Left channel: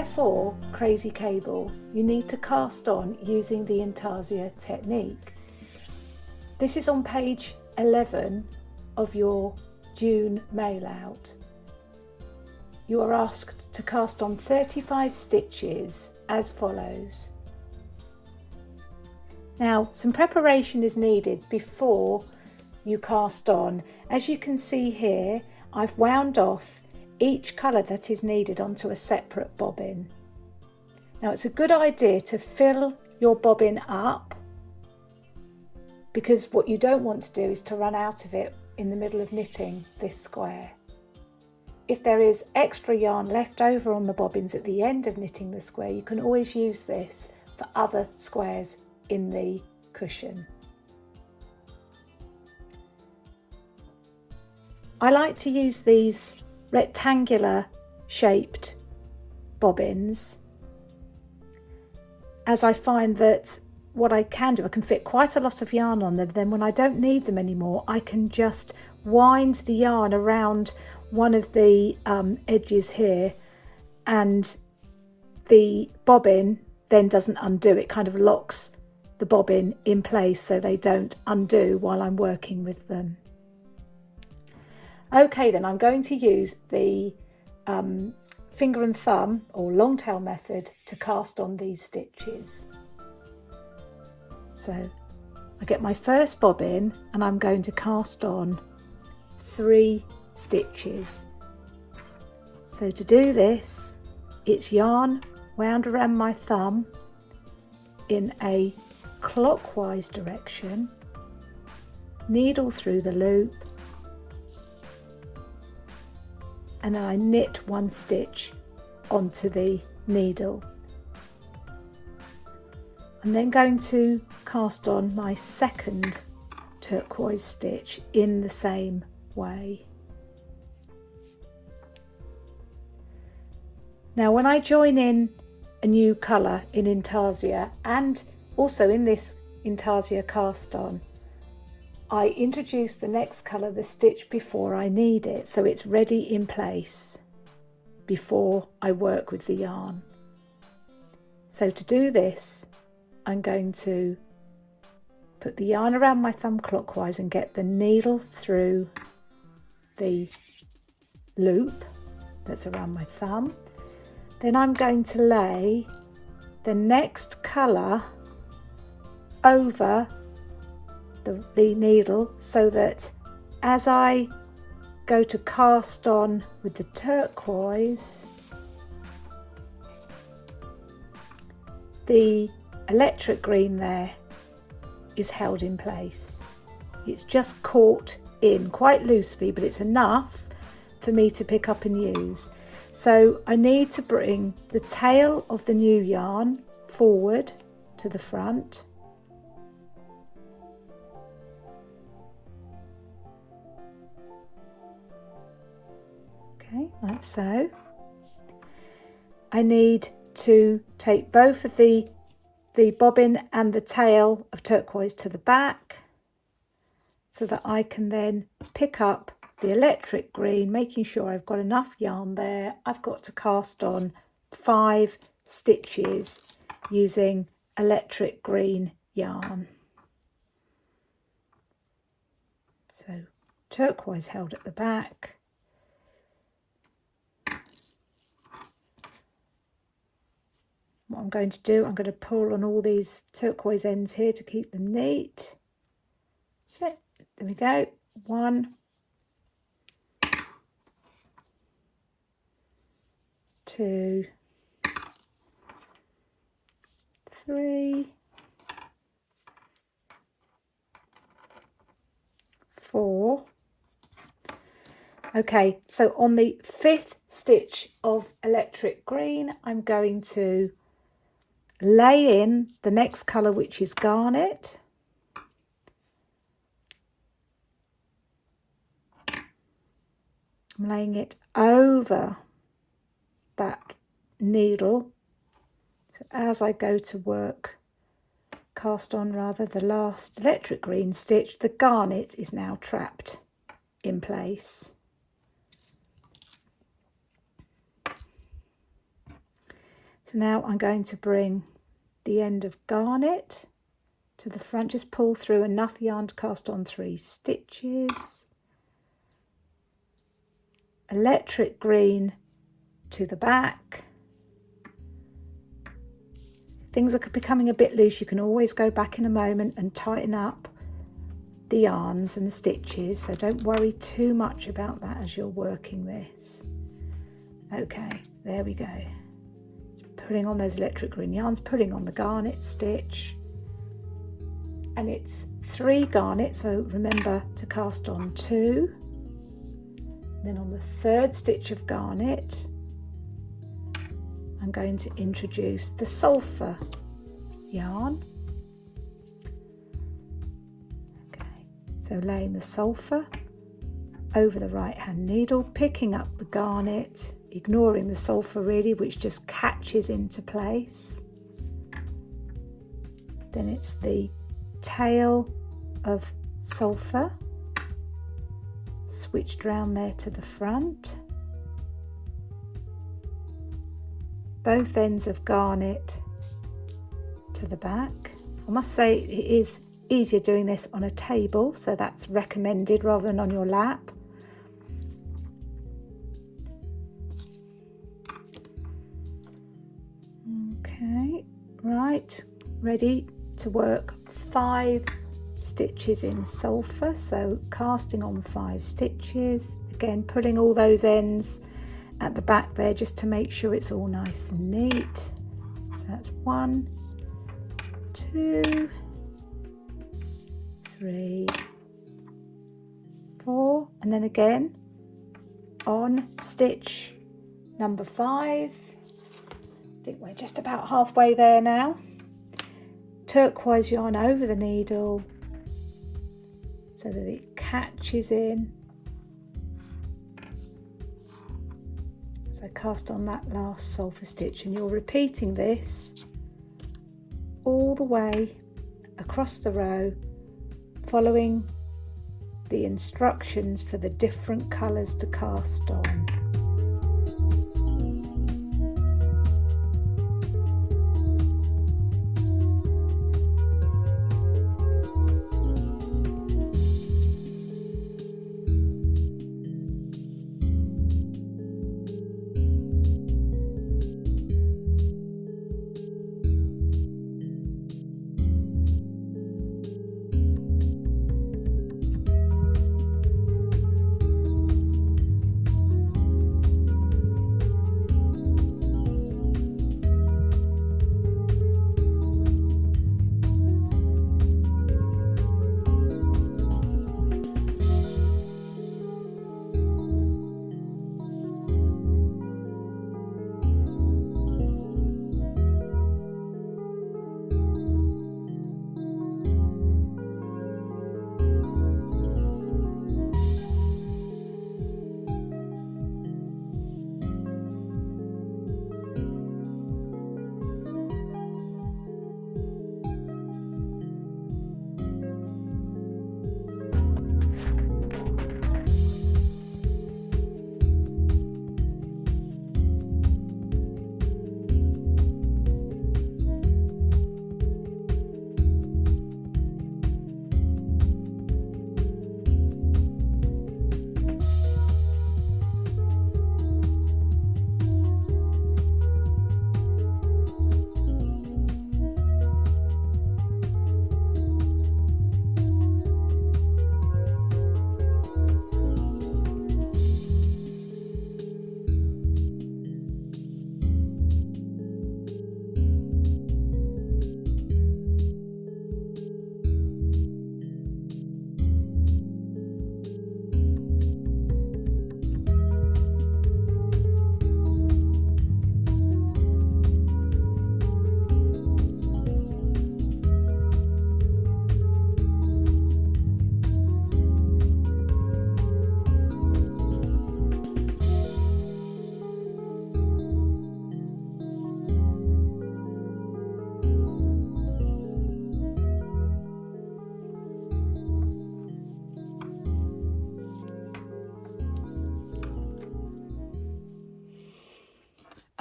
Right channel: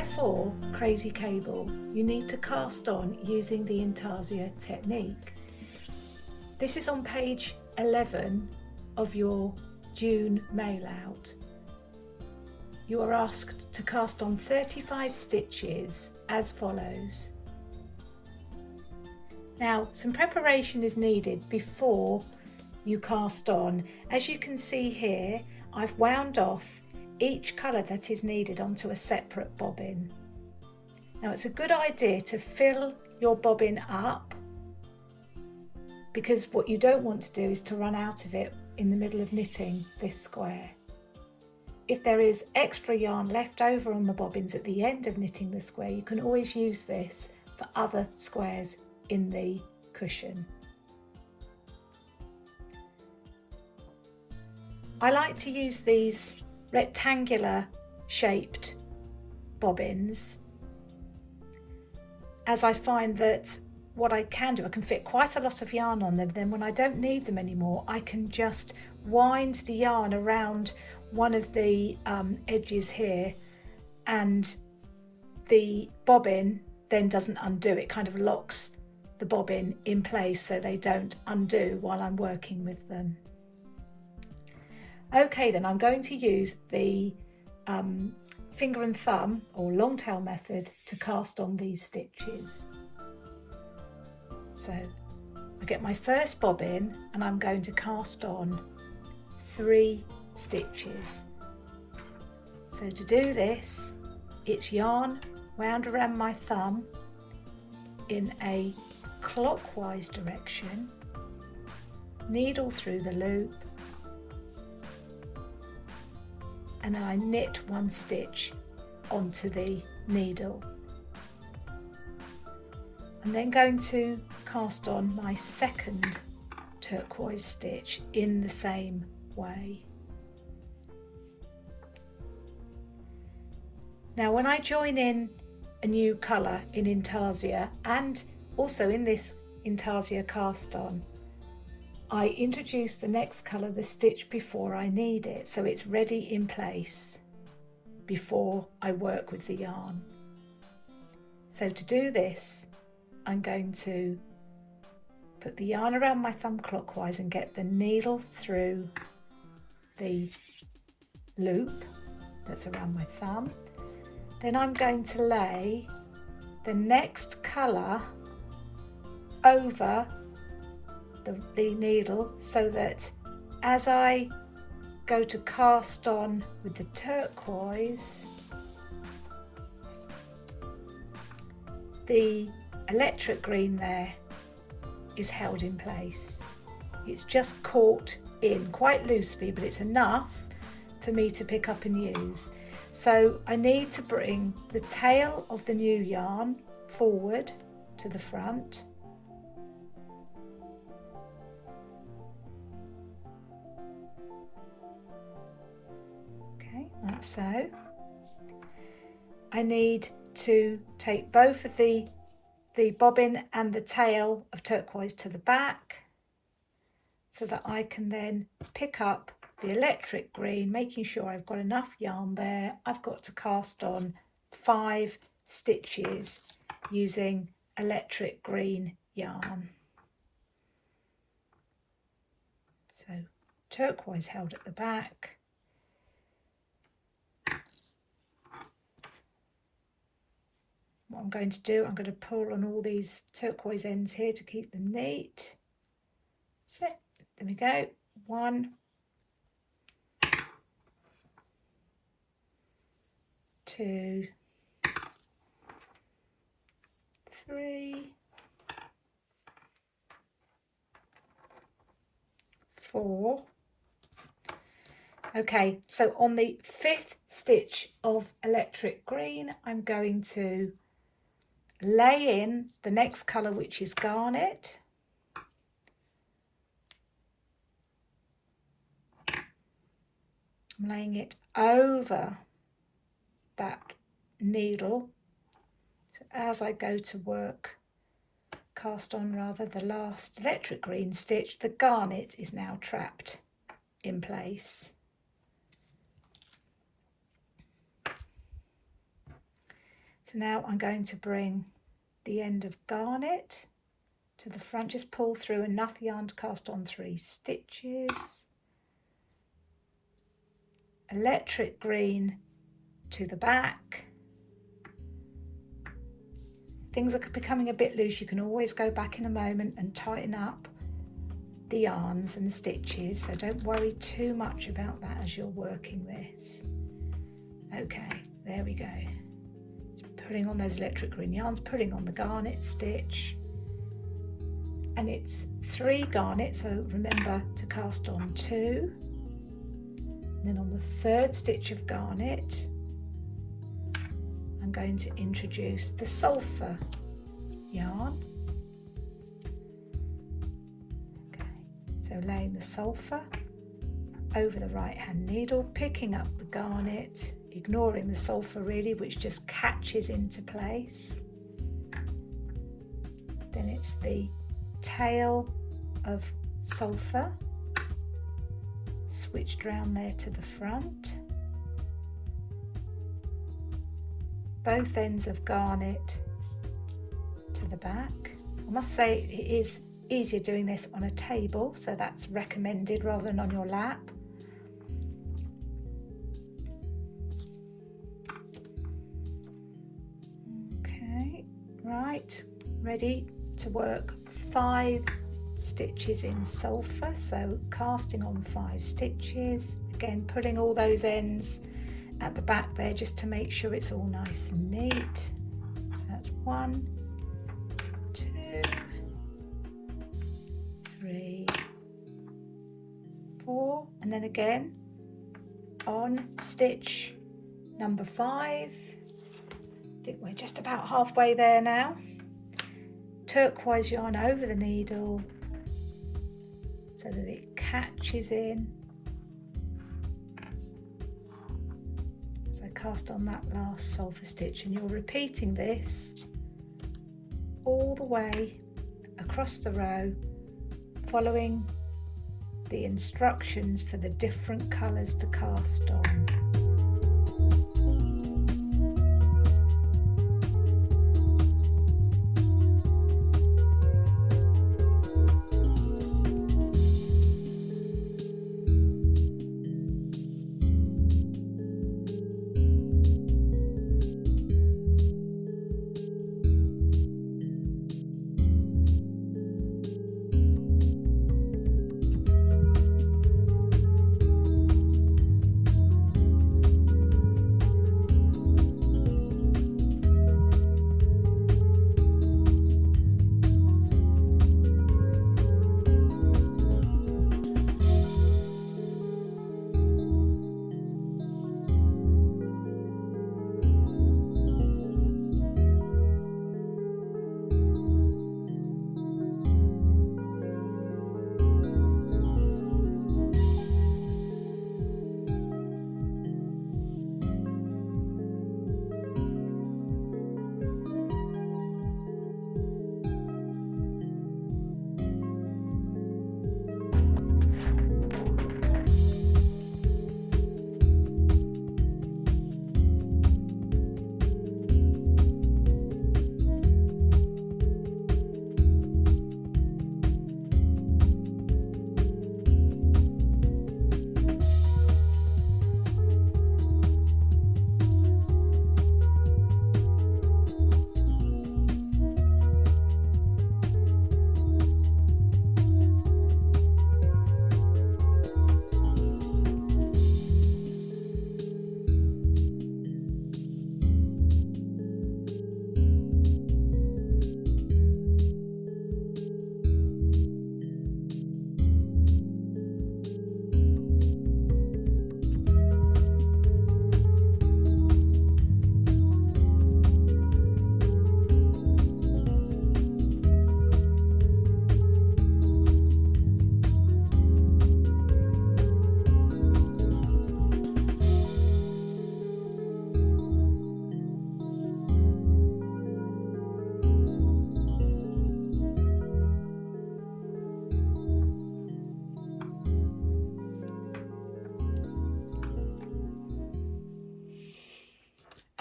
square 4 crazy cable you need to cast on using the Instarsia technique. This is on page 11 of your June mail out. You are asked to cast on 35 stitches as follows. Now, some preparation is needed before you cast on. As you can see here, I've wound off each colour that is needed onto a separate bobbin. Now, it's a good idea to fill your bobbin up, because what you don't want to do is to run out of it in the middle of knitting this square. If there is extra yarn left over on the bobbins at the end of knitting the square, you can always use this for other squares in the cushion. I like to use these rectangular shaped bobbins, as I find that what I can do, I can fit quite a lot of yarn on them. Then when I don't need them anymore, I can just wind the yarn around one of the edges here, and the bobbin then doesn't undo. It kind of locks the bobbin in place so they don't undo while I'm working with them. Okay, then I'm going to use the finger and thumb or long tail method to cast on these stitches. So I get my first bobbin and I'm going to cast on 3 stitches. So to do this, it's yarn wound around my thumb in a clockwise direction, needle through the loop, and then I knit 1 stitch onto the needle. I'm then going to cast on my second turquoise stitch in the same way. Now, when I join in a new colour in Instarsia, and also in this Instarsia cast on, I introduce the next colour the stitch before I need it, so it's ready in place before I work with the yarn. So to do this, I'm going to put the yarn around my thumb clockwise and get the needle through the loop that's around my thumb. Then I'm going to lay the next colour over the needle, so that as I go to cast on with the turquoise, the electric green there is held in place. It's just caught in quite loosely, but it's enough for me to pick up and use. So I need to bring the tail of the new yarn forward to the front. Okay, like so. I need to take both of the bobbin and the tail of turquoise to the back, so that I can then pick up the electric green, making sure I've got enough yarn there. I've got to cast on 5 stitches using electric green yarn. So turquoise held at the back. What I'm going to do, I'm going to pull on all these turquoise ends here to keep them neat. So there we go. 1, 2, 3, 4. Okay, so on the 5th stitch of electric green, I'm going to lay in the next colour, which is garnet. I'm laying it over that needle. So as I go to work, cast on rather, the last electric green stitch, the garnet is now trapped in place. So now I'm going to bring the end of garnet to the front, just pull through enough yarn to cast on 3 stitches, electric green to the back. Things are becoming a bit loose, you can always go back in a moment and tighten up the yarns and the stitches, so don't worry too much about that as you're working this. Okay, there we go. Just pulling on those electric green yarns, pulling on the garnet stitch, and it's 3 garnets, so remember to cast on 2. Then on the 3rd stitch of garnet I'm going to introduce the sulphur yarn. Okay, so laying the sulphur over the right hand needle, picking up the garnet, ignoring the sulphur really, which just catches into place. Then it's the tail of sulphur switched round there to the front, both ends of garnet to the back. I must say it is easier doing this on a table, so that's recommended rather than on your lap. Okay, right, ready to work 5 stitches in sulphur, so casting on 5 stitches, again pulling all those ends at the back there just to make sure it's all nice and neat. So that's 1, 2, 3, 4, and then again on stitch number 5. I think we're just about halfway there now. Turquoise yarn over the needle so that it catches in. So cast on that last sulphur stitch, and you're repeating this all the way across the row, following the instructions for the different colours to cast on.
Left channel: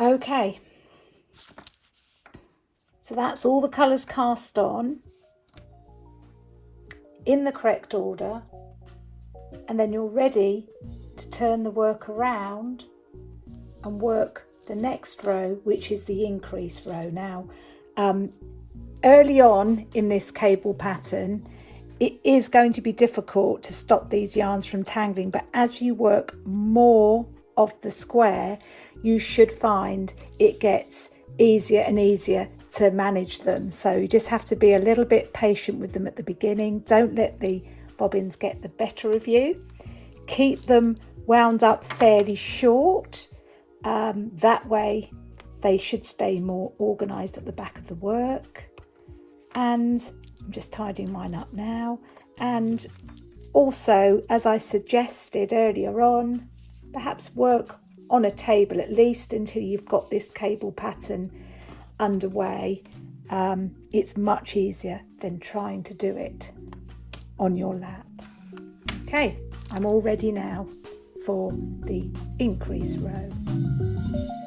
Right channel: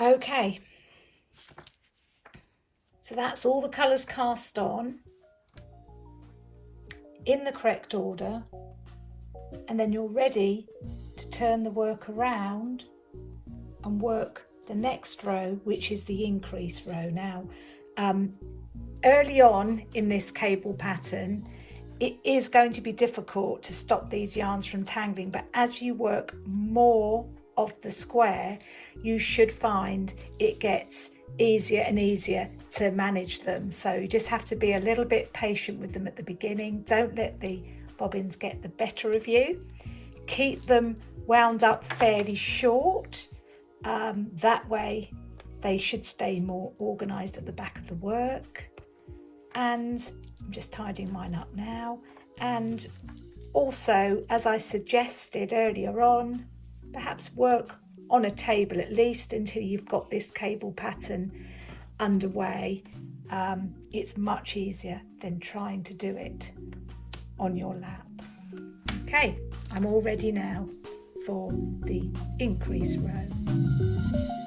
Okay, So that's all the colours cast on in the correct order, and then you're ready to turn the work around and work the next row, which is the increase row. Now, early on in this cable pattern, it is going to be difficult to stop these yarns from tangling, but as you work more of the square, you should find it gets easier and easier to manage them. So you just have to be a little bit patient with them at the beginning. Don't let the bobbins get the better of you. Keep them wound up fairly short. That way they should stay more organised at the back of the work. And I'm just tidying mine up now. And also, as I suggested earlier on, perhaps work on a table at least until you've got this cable pattern underway. It's much easier than trying to do it on your lap. Okay, I'm all ready now for the increase row.